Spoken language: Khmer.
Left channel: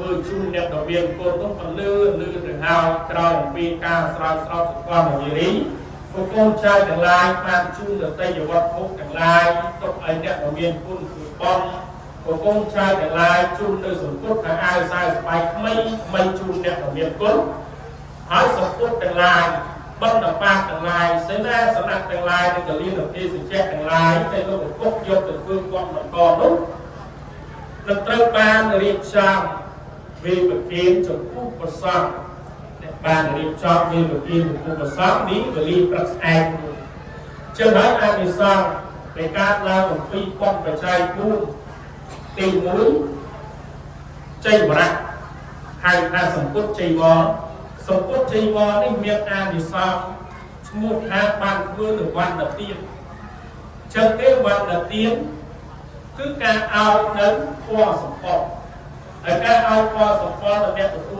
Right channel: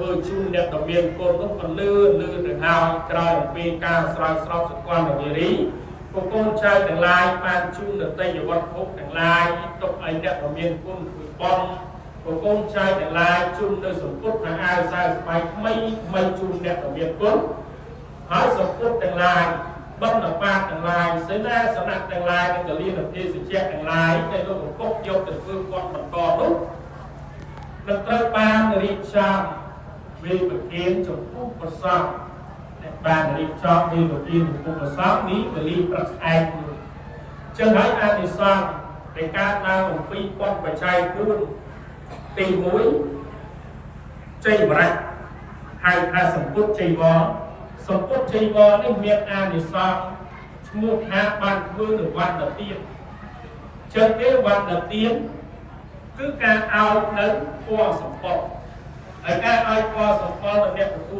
ធ្វើជូនអ្នកដ៏មានកូននោះមិនលឿនទៅហើយក្រោយអំពីការស្រោចស្រពសកលនារីក៏កូនចៅទាំងឡាយបានជូនទៅយវត្ថុទាំងឡាយទុកឲ្យអ្នកដ៏មានគុណគឺបងក៏កូនចៅទាំងឡាយជូនទៅសង្គត់ថាអាវខ្សែស្បែកថ្មីមិនជូនអ្នកដ៏មានគុណហើយសង្គត់ទាំងឡាយបណ្ឌបាតទាំងឡាយសេនាសនៈទាំងឡាយនិងកលិនទីសច្ចៈទាំងឡាយទៅទៅពុកយកទៅធ្វើគាត់បន្តនោះនឹងត្រូវបានរៀបចំវិបទានចំពោះប្រសងដែលបានរៀបចំវិបទានចំពោះប្រសងនេះវេលាព្រឹកស្អែកជាដល់អានិសង្សនៃការដើរអំពីប៉ុនបច្ច័យ4ទី1ជ័យវរៈហើយថាសង្គត់ជ័យវរសង្គត់ជ័យវរនេះមានអានិសង្សឈ្មោះថាបានធ្វើនៅវណ្ណទានចឹងទេវណ្ណទានគឺការឲ្យនៅពណ៌សម្បត្តិហើយការឲ្យពណ៌សម្បត្តិដល់អ្នកទទួល